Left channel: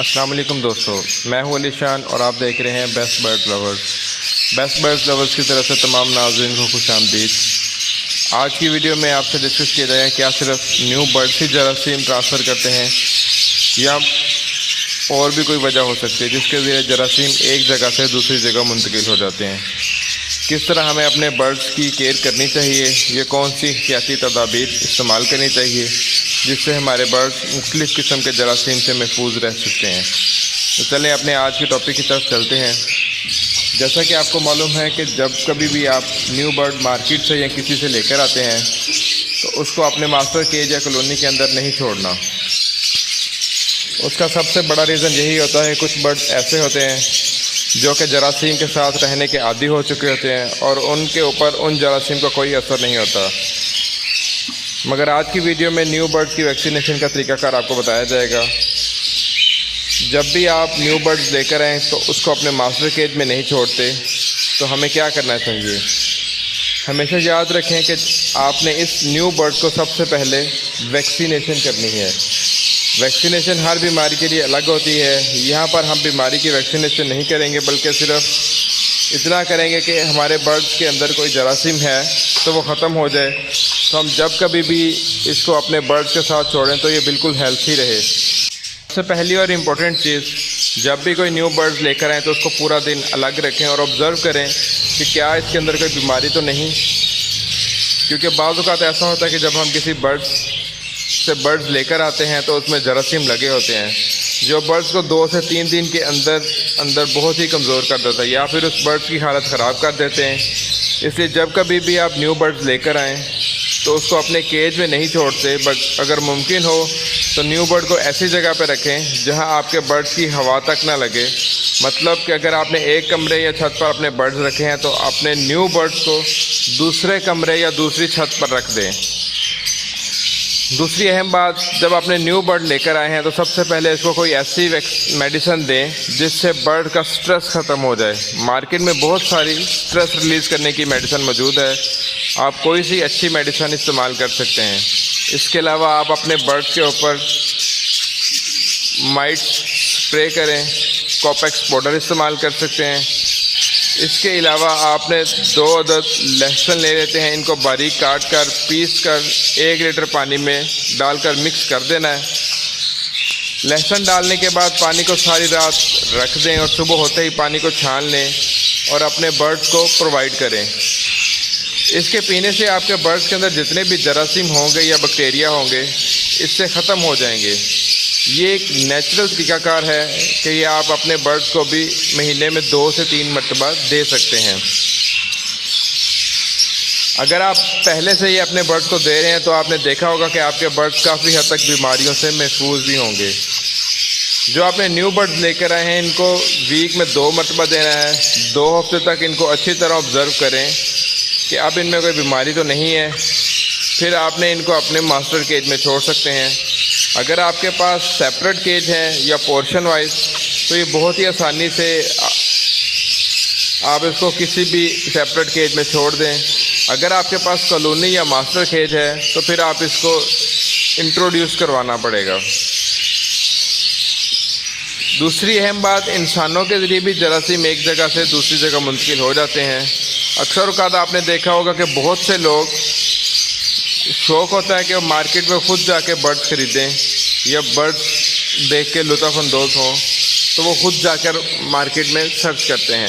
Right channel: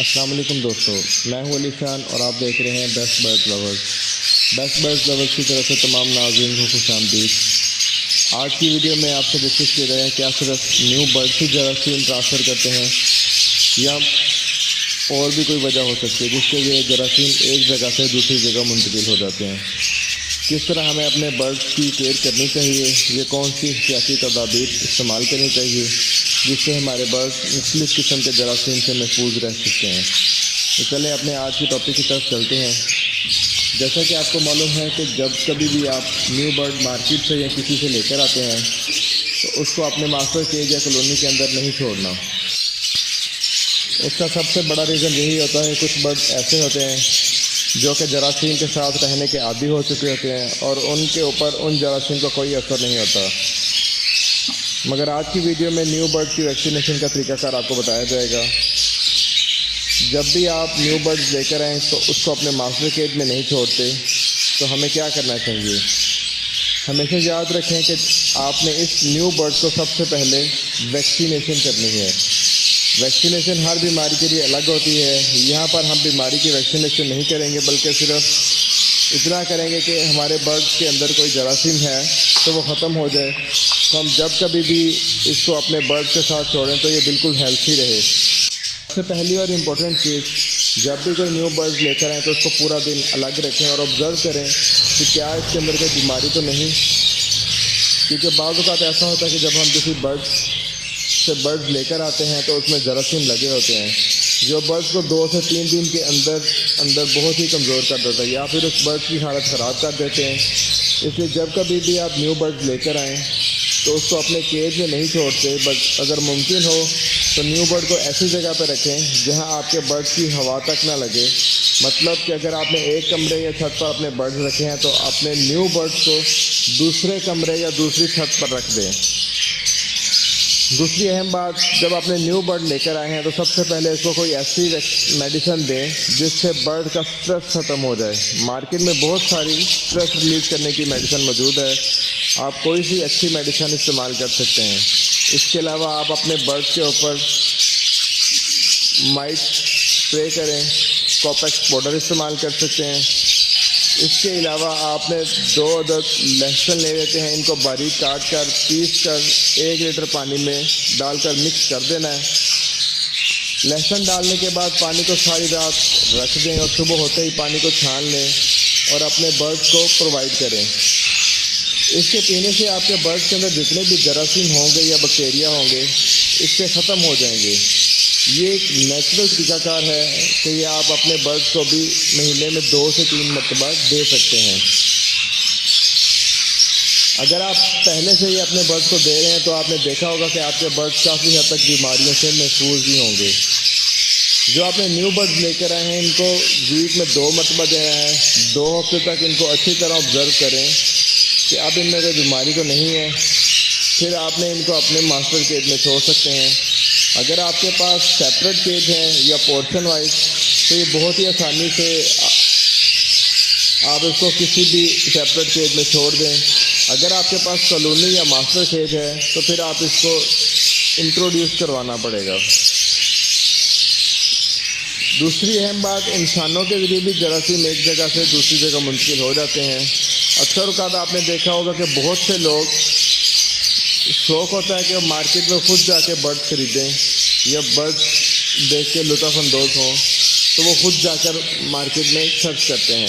السلام علیکم دوستو، میں ہوں علی شان اور آپ دیکھ رہے ہیں best bird lovers. Best bird lovers کی طرف سے تمام ناظرین کو خوش آمدید۔ آج کی ویڈیو میں آپ سے ڈسکس کیا جائے کیا صرف نیو برڈ ہی جراثیم ٹرانسفر کرتے ہیں یا اور بھی کوئی وجہ ہو سکتی ہے جس کے ذریعے جراثیم ایک جگہ سے دوسری جگہ منتقل ہو جاتے ہیں۔ کس طرح ہمیں اپنے برڈز کی کیئر کرنی چاہیے، یہ کون سی احتیاطی تدابیر استعمال کرنی چاہیے جس سے ہمارے برڈز مختلف قسم کے جراثیم سے محفوظ رہ سکتے ہیں۔ تو چلیں اپنے آج کے ٹاپک کی طرف چلتے ہیں۔ جیسا کہ آپ کو معلوم ہے کہ جب کبھی بھی آپ نیو برڈ مارکیٹ سے یا کسی سے لے کر آتے ہیں تو اس کو اپنے ماسٹر کیج یا کالونی کے اندر نہیں چھوڑنا۔ اس کا سب سے بڑا ریزن یہی ہوتا ہے، کچھ برڈ ایسے ہوتے ہیں جو کہ جراثیم کے ساتھ رہنے کے عادی ہو چکے ہوتے ہیں اور ان کے اوپر ان جراثیم کا کوئی اثر نہیں ہوتا۔ مگر آج کی ویڈیو میں نیو برڈ کی ویکسینیشن کا طریقہ کار آپ کو بتایا جائے گا۔ جب بھی آپ نیو برڈ لے کر آئیں تو اس کو اپنے ماسٹر کیج میں نہیں چھوڑتے تو ہمیں کیا کرنا چاہیے؟ ہمیشہ یاد رکھیں کہ آپ نے اس نیو برڈ کو سب سے پہلے ویکسینیشن کرنی ہے۔ ویکسینیشن ہر بیماری کے لیے الگ ہوتی ہے۔ یہاں پر ہم بیماری کی ویکسینیشن نہیں کریں گے بلکہ صرف اتنا کریں گے کہ ہمارے برڈز کے اندر کوئی جراثیم ہے تو وہ ختم ہو جائے، تو ہم جب کبھی بھی اس کو اپنے برڈز کے ساتھ چھوڑیں تو یہ بالکل ہیلتھی رہے۔ سب سے پہلی اور امپورٹنٹ چیز، جب بھی کوئی نیو برڈز لے کر آئیں تو اس کو پورا دن الگ رکھیں اور آبزرو کریں کہ کیا اس کے اندر کوئی بیماری تو نہیں، کیونکہ بعض اوقات ایسا ہوتا ہے کہ جب ہم کسی برڈز لے کر آتے ہیں تو اس میں جراثیم لگے ہوتے ہیں جو برڈز کو 2 سے 3 دن کے اندر بہت ہی کمزور کر دیتا ہے یا پھر اس برڈ کی حالت خراب کر دیتے ہیں۔ اس لیے جب کبھی بھی آپ نیو برڈز لے کر آئیں تو اس کو اپنے کیج میں نہیں چھوڑتے، بٹ اگر ممکن ہو تو نیو برڈ کو ایسی جگہ پہ رکھیں جہاں آپ کے برڈ کی ہوا تک نہ لگے۔ مطلب کہ اگر آپ نے ایک کمرے یا چھت پر اپنے برڈز رکھے ہیں تو اپنے نیو برڈز کو دوسرے کمرے یا دوسری چھت پر رکھ دیں۔ دوسری اہم بات، جب اپنے نیو برڈ لے کر آئے ہیں تو سب سے پہلے اس کو کوئی ایسی میڈیسن دیں جس سے برڈ کا سٹریس ختم ہو جائے۔ مارکیٹ میں بہت ساری سٹریس ریلیز کرنے کی میڈیسن موجود ہے، آپ کوئی سی اچھی میڈیسن استعمال کر سکتے ہیں۔ اس کے علاوہ آپ اپنے برڈ کے اوپر مائٹ اسپرے کریں، کوپیکس پاؤڈر استعمال کر سکتے ہیں۔ اس کے علاوہ آپ نے 2 عدد لہسن لے لیتے ہیں، ان کو باریک کاٹ کر پیس کر 1 لیٹر پانی میں ڈال کر مکس کر دینا ہے۔ لہسن ڈالنے کے بعد پانی کو ساری رات رکھ دیں اور صبح ہوتے ہی پانی کو چھان لیں اور اپنے برڈز کو پرووائڈ کریں۔ اس کے پینے سے آپ کے برڈز کے اندر جتنے بھی جراثیم ہوں گے یا بیکٹیریا ہوں گے اس سے ختم ہو جائیں گے۔ یہ ایک نیچرل طریقہ کار ہے کہ یہ آپ اپنے برڈز کو بھی مہینے میں 2 سے 3 مرتبہ دے سکتے ہیں۔ اگر آپ پہلے سے ہی اپنے برڈز کو دے رہے ہیں تو آپ نے دیکھا ہوگا کہ آپ کے برڈز کافی حد تک بیماریوں سے محفوظ بھی ہوں گے۔ جو آپ نے نیو برڈز لے کر آئے ہیں ان کو ویک میں 2 مرتبہ دینا ہے۔ 2 ہفتے تک ان کو اچھی طرح آبزرو کریں کہ اب ان میں کوئی بیماری تو نہیں ہے، پھر آپ نے ان کو اپنے ماسٹر کیج میں چھوڑ سکتے ہیں۔ اگر آپ کے پاس سیپریٹ کیج ہے یا پورشن وائز تو یہ بہت ہی آسانی سے آپ اس کو کسی بھی سیپریٹ کیج میں چھوڑ دیں۔ اگر آپ کے پاس کالونی یا ماسٹر کیج ہے تو پھر آپ اس کو انٹروڈیوس کروانا پڑے گا۔ دوسری اہم بات، انسانوں کے ذریعے بھی جراثیم ایک جگہ سے دوسری جگہ منتقل ہو جاتے ہیں۔ اکثر اوقات آپ نے دیکھا ہوگا کہ بہت سے لوگ شوق ہوتا ہے کہ وہ مارکیٹ میں خود جا کے برڈ خریدیں یا برڈ دیکھ کے لطف اندوز ہوں، تو وہ خود جا کر مارکیٹ میں سرچ کرتے ہیں۔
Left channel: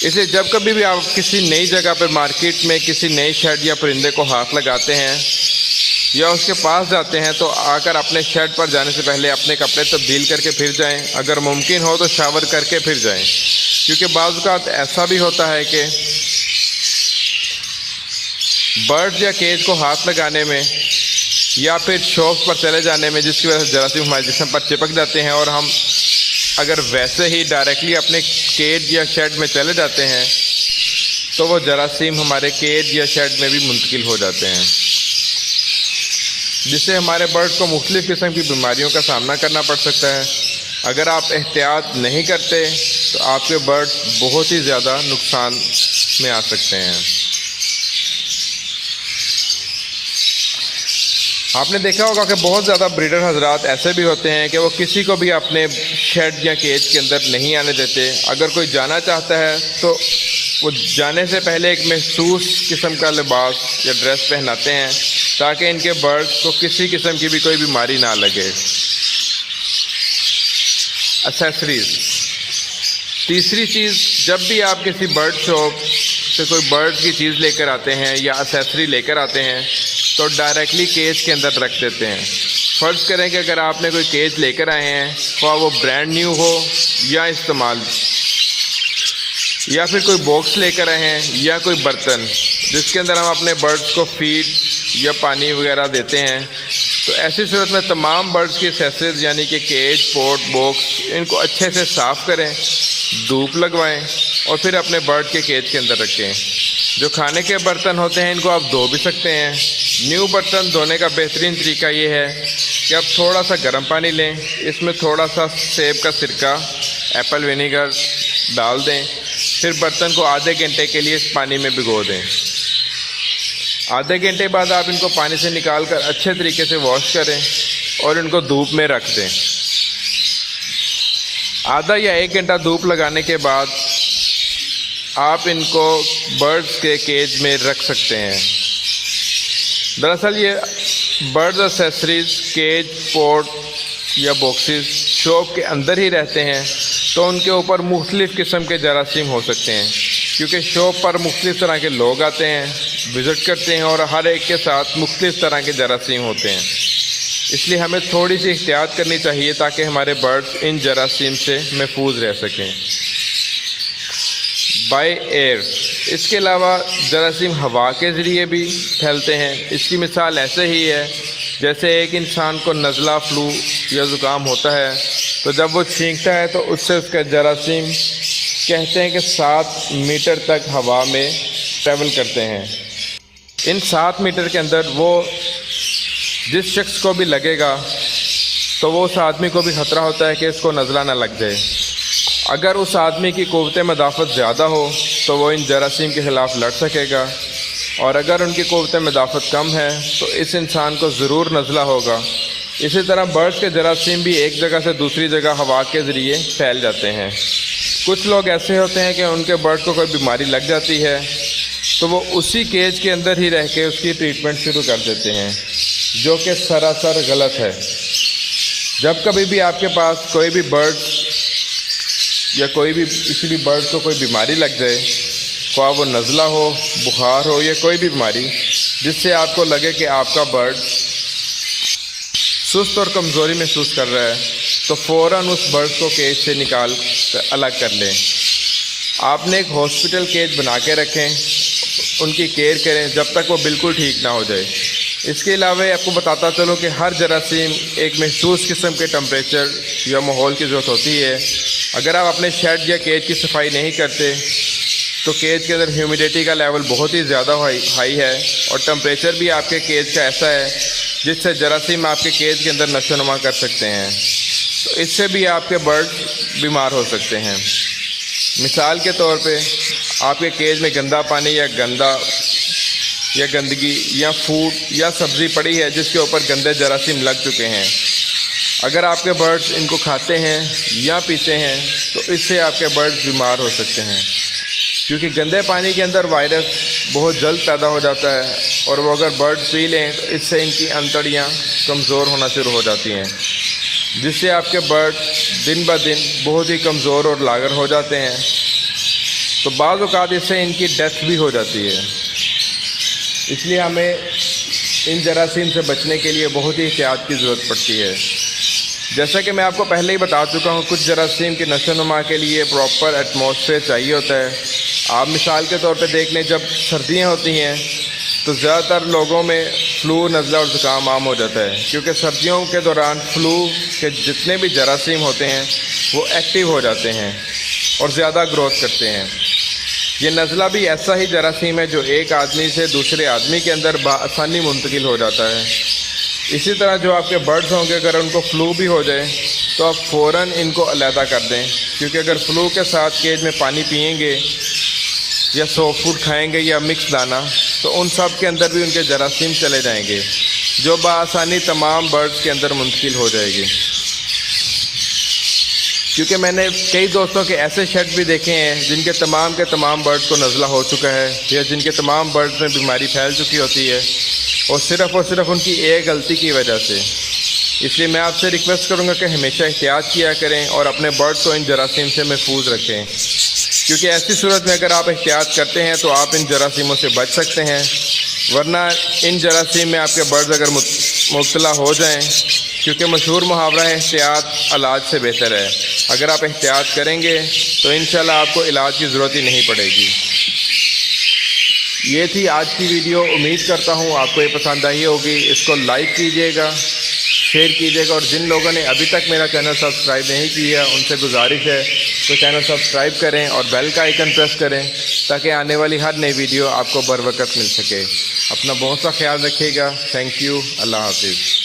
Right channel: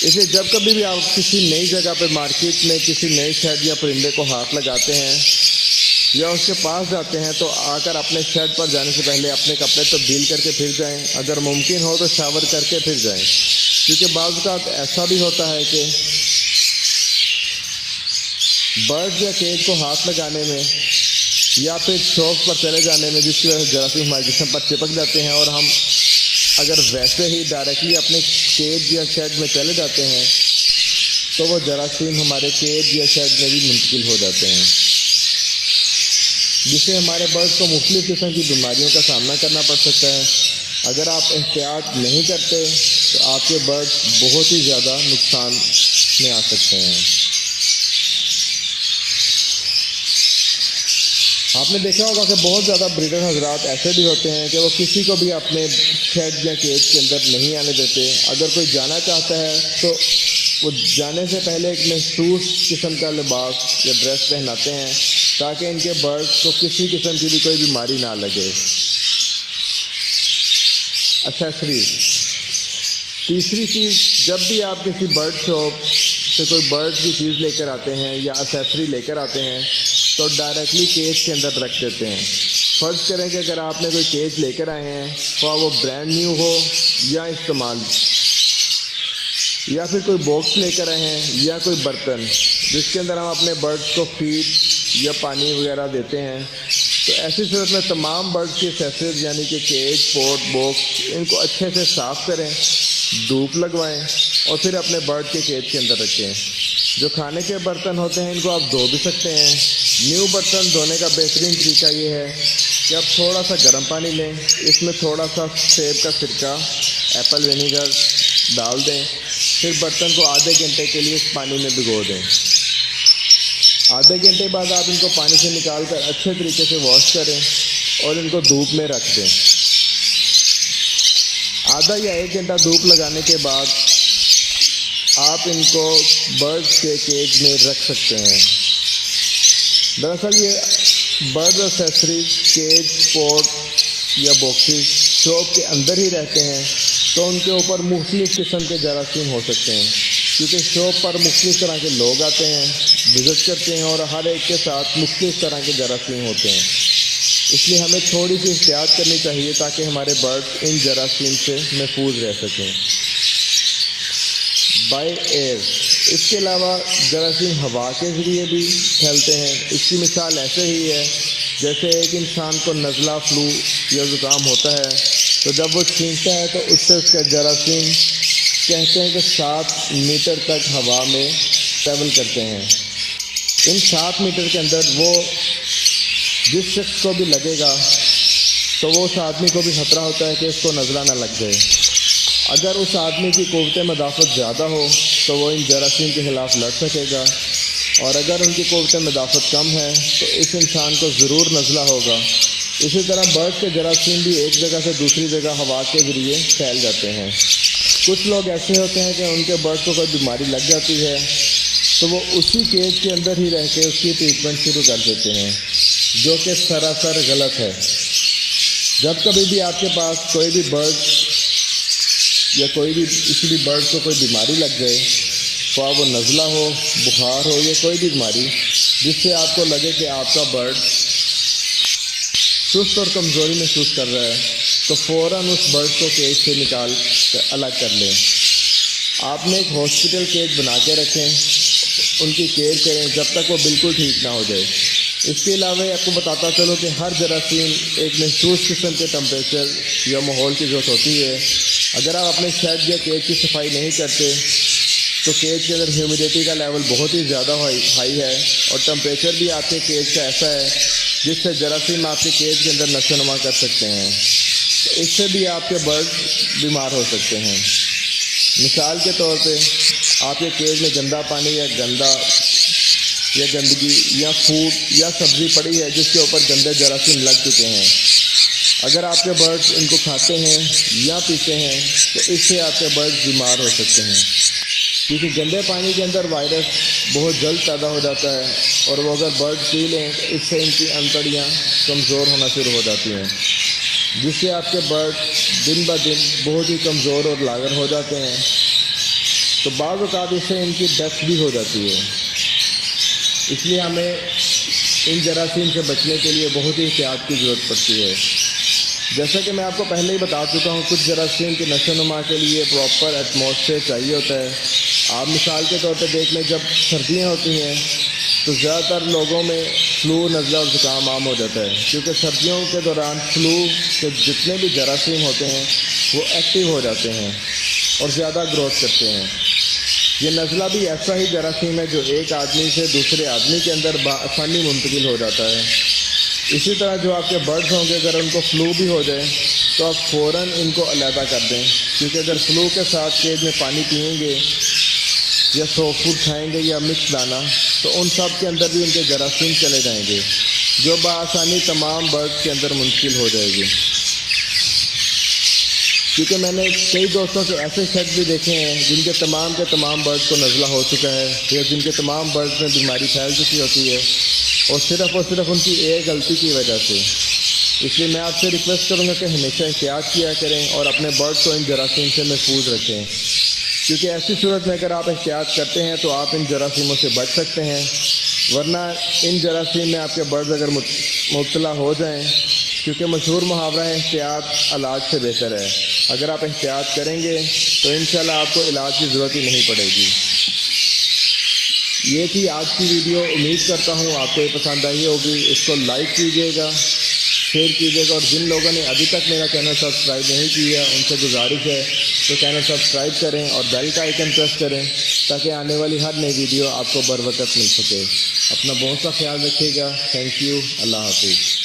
اس لیے جب کبھی بھی آپ کسی نئی جگہ پہ مارکیٹ میں کسی نئی شیڈ یا پرندے کو ہاتھ لگاتے ہیں یا اس کے پاس جاتے ہیں تو آ کر اپنے شیڈ پر جانے سے پہلے اپنے کپڑے تبدیل کر کے پھر جائیں، اگر ممکن ہو تو شاور کر کے پھر جائیں، کیونکہ بعض اوقات ایسا بھی ہوتا ہے کہ برڈ یا کیج کو ہاتھ لگانے میں یا پھر شوق پر چلے جانے میں جس کی وجہ سے جراثیم ہمارے جسم پر چپک جاتے ہیں اور ہم اگر ویسے ہی ڈائریکٹلی اپنے کیج یا شیڈ میں چلے جاتے ہیں تو وہ جراثیم ہمارے کیج یا شیڈ میں بھی منتقل ہو جاتے ہیں، جس سے ہمارے برڈ کو مختلف قسم کی بیماریوں کا سامنا کرنا پڑ سکتا ہے۔ اگر آپ احتیاط نہیں کرتے تو آپ کے برڈ بہت ہی زیادہ نقصان میں آ سکتے ہیں۔ آپ نے دیکھا ہوگا کہ بہت زیادہ بریڈر حضرات ایسے بھی ہوتے ہیں کہ وہ کسی کو بھی اپنے شیڈ یا کیج کے اندر نہیں آنے دیتے. اگر کوئی جانا چاہتا ہے تو وہ جانے سے پہلے ایک محسوس قسم کا لباس یا ڈریس پہناتے ہیں تاکہ ان کے برڈز کو کسی قسم کی بھی کوئی بیماری نہ لگے. ایکسیسریز. تیسری چیز، جب بھی آپ کسی برڈ شاپ سے کوئی برڈ کی چیز لے کر آتے ہیں یا ایکسیسری لے کر آتے ہیں تو ڈائریکٹلی کیج کے اندر رکھ دیتے ہیں. فرض کریں کہ اگر آپ نے کوئی کیج لے کر آئے ہیں خواہ وہ برانڈ نیو ہو یا استعمال، یا پھر کوئی باکس لے کر آئے ہیں یا کوئی برتن جس کے اندر ہم اپنے برڈز کو فیڈ یا پانی وغیرہ دیتے ہیں، تو ایسی صورت میں تمام برڈز کی ایکسیسریز یعنی کہ کیج، پوٹ، باکس، ان کو اچھے سے صاف کریں، دھوپ لگوائیں اور پھر اپنے برڈ کے کیج کے اندر رکھیں. جو کھانے کے برتن ہوتے ہیں ان کو آپ دھو بھی سکتے ہیں. نیو برتن دھونے کا بہترین طریقہ یہ ہے کہ آپ تھوڑا سا گرم پانی لیں، اس میں تھوڑا سا سیب کا سرکہ، ایپل ونیگر ڈال دیں، پھر برتن کو آدھے گھنٹے کے لیے اس پانی میں بھگو دیں. آدھے گھنٹے بعد آپ ان کو پانی سے نکال کر اچھے طریقے سے واش کریں اور ان کو دھوپ میں رکھ دیں. آدھا یا 1 گھنٹہ دھوپ لگانے کے بعد آپ ان کو برڈز کے کیج میں رکھ سکتے ہیں. دراصل یہ برڈز ایکسیسریز، کیج، پوٹ یا باکسز شاپ کے اندر ہی رہتے ہیں تو ان کے اوپر مختلف قسم کے جراثیم ہو سکتے ہیں، کیونکہ شاپ پر مختلف طرح کے لوگ آتے ہیں، وزٹ کرتے ہیں اور ہر ایک کے ساتھ مختلف طرح کے جراثیم ہوتے ہیں. اس لیے ہمیں تھوڑی سی احتیاط کرنی چاہیے تاکہ ہمارے برڈز ان جراثیم سے محفوظ رہ سکیں. By air. اس کے علاوہ جراثیم ہوا کے ذریعے بھی پھیلتے ہیں. اس کی مثال ایسے ہی ہے جیسے ایک انسان کو نزلہ، فلو یا زکام ہوتا ہے تو جب وہ چھینکتا ہے تو اس سے اس کا جراثیم کہتے ہیں کہ 7 میٹر تک ہوا میں ٹریول کرتے ہیں. ان 7 میٹر کے اندر وہ جس شخص کو بھی لگے گا تو وہ اس آدمی کو بھی خطرہ ہوتا ہے کہ اس کو نزلہ نہ لگ جائے. اگر اس آدمی کی قوت مدافعت زیادہ ہو تو وہ ان جراثیم کے خلاف لڑ سکے گا، اور اگر ان کی قوت مدافعت کم ہے تو اس انسان کو ضرور نزلہ ہوگا. اسی طرح برڈز کے جراثیم بھی ایک جگہ سے دوسری جگہ ہوا کے ذریعے پھیل جاتے ہیں. کچھ لوگ ایسے ہوتے ہیں کہ ان کے برڈ کو کوئی بیماری لگ جاتی ہے تو وہ اسی کیج کے اندر ہی رہ کے اس کی ٹریٹمنٹ شروع کر دیتے ہیں، جو کہ سراسر غلط ہے. جب کبھی بھی آپ کے پاس کوئی بھی برڈ یا کوئی بھی کسی بھی برڈ کو کوئی بیماری لگ جائے، خواہ وہ نزلہ ہو، بخار ہو یا کوئی بھی بیماری جس سے آپ کو لگے کہ آپ کا برڈ سست اور کمزوری محسوس کر رہا ہے، تو فوراً اس برڈ کو کیج سے نکال کر الگ کر لیں. آپ نے ایک ہاسپٹل کیج بنا کے رکھیں، ان کی کیئر کریں جب تک وہ بالکل ٹھیک نہ ہو جائے. اس کے علاوہ آپ کو بتاتا چلوں کہ ہر جراثیم ایک محسوس قسم کے ٹمپریچر یا ماحول کی ضرورت ہوتی ہے. اگر آپ اپنے شیڈ یا کیج کی صفائی نہیں کرتے تو کیج کے اندر ہیومیڈیٹی کا لیول بہت ہی زیادہ ہائی ہے، اور ٹمپریچر بھی آپ کے کیج کا ایسا ہے جس سے جراثیم آپ کے کیج کے اندر نشو و نما کر سکتے ہیں. تو اس سے بھی آپ کے برڈ بیمار ہو سکتے ہیں. مثال کے طور پہ آپ کے کیج میں گندا پانی یا گندگی یا فوڈ یا سبزی پڑی ہے جس کے اوپر گندے جراثیم لگ چکے ہیں. اگر آپ کے برڈز ان کو کھاتے ہیں یا پیتے ہیں تو اس سے آپ کے برڈز بیمار ہو سکتے ہیں، کیونکہ گندے پانی کے اندر وائرس بہت جلد پیدا ہو جاتا ہے، اور وہ اگر برڈ پی لیں تو اس سے ان کی انتڑیاں کمزور ہونا شروع ہو جاتی ہیں، جس سے آپ کے برڈ دن بہ دن بہت ہی کمزور اور لاغر ہو جاتے ہیں. تو بعض اوقات اس سے ان کی ڈیتھ بھی ہو جاتی ہے. اس لیے ہمیں ان جراثیم سے بچنے کے لیے بہت ہی احتیاط کی ضرورت پڑتی ہے. جیسا کہ میں آپ کو پہلے ہی بتا چکا ہوں، کچھ جراثیم کی نشو و نما کے لیے پراپر ایٹماسفیئر چاہیے ہوتا ہے. آپ مثال کے طور پہ دیکھ لیں، جب سردیاں ہوتی ہیں تو زیادہ تر لوگوں میں فلو، نزلہ اور زکام عام ہو جاتا ہے، کیونکہ سردیوں کے دوران فلو کے جتنے بھی جراثیم ہوتے ہیں وہ ایکٹیو ہو جاتے ہیں اور زیادہ گروتھ کرتے ہیں. یہ نزلہ بھی ایسا ہی جراثیم ہے جو ایک آدمی سے دوسرے آدمی کے اندر بآسانی منتقل ہو جاتا ہے. اسی طرح جو آپ کے برڈز ہوں گے، اگر ان کو فلو بھی ہو جائے تو آپ فوراً ان کو علیحدہ کر دیں، کیونکہ اگر فلو کے ساتھ کیج میں پانی پئیں گے یا سافٹ فوڈ کھائیں گے یا مکس دانا تو ان سب کے اندر بھی ان کے جراثیم چلے جائیں گے، جو بآسانی تمام برڈز کے اندر منتقل ہو جائے گی. کیونکہ میں نے کئی دوستوں کے ایسے شیڈ بھی دیکھے ہیں جن کے تمام برڈز کو نزلہ ہو چکا ہے یا جن کے تمام برڈز میں بیماری پھیل چکی ہوتی ہے اور صرف ان کی ایک غلطی کی وجہ سے. اس لیے میں آپ سے ریکویسٹ کروں گا کہ ہمیشہ احتیاط کیا کریں اور اپنے برڈز کو ان جراثیم سے محفوظ رکھیں. کیونکہ ایسی صورت میں اگر آپ احتیاط کرتے ہیں تو آپ ان جراثیموں سے بچ سکتے ہیں، ورنہ ان جراثیم میں آپ کے برڈز اگر مبتلا ہو جائیں، کیونکہ مشہور محاورہ ہے احتیاط علاج سے بہتر ہے. اگر آپ احتیاط کریں گے تو انشاءاللہ آپ کو علاج کی ضرورت ہی نہیں پڑے گی. یہ تھی آج کی ویڈیو. امید کرتا ہوں آپ کو یہ پسند آئی ہوگی. اس کو لائک کیجیے گا، شیئر کیجیے گا، اور جن لوگوں نے ابھی تک میرا چینل سبسکرائب نہیں کیا ان سے گزارش ہے تو چینل سبسکرائب کریں اور بیل کا آئیکن پریس کریں تاکہ آنے والی ہر نئی ویڈیو آپ کو بر وقت مل سکے. اپنا بہت سا خیال رکھیے گا. Thank you. اللہ حافظ.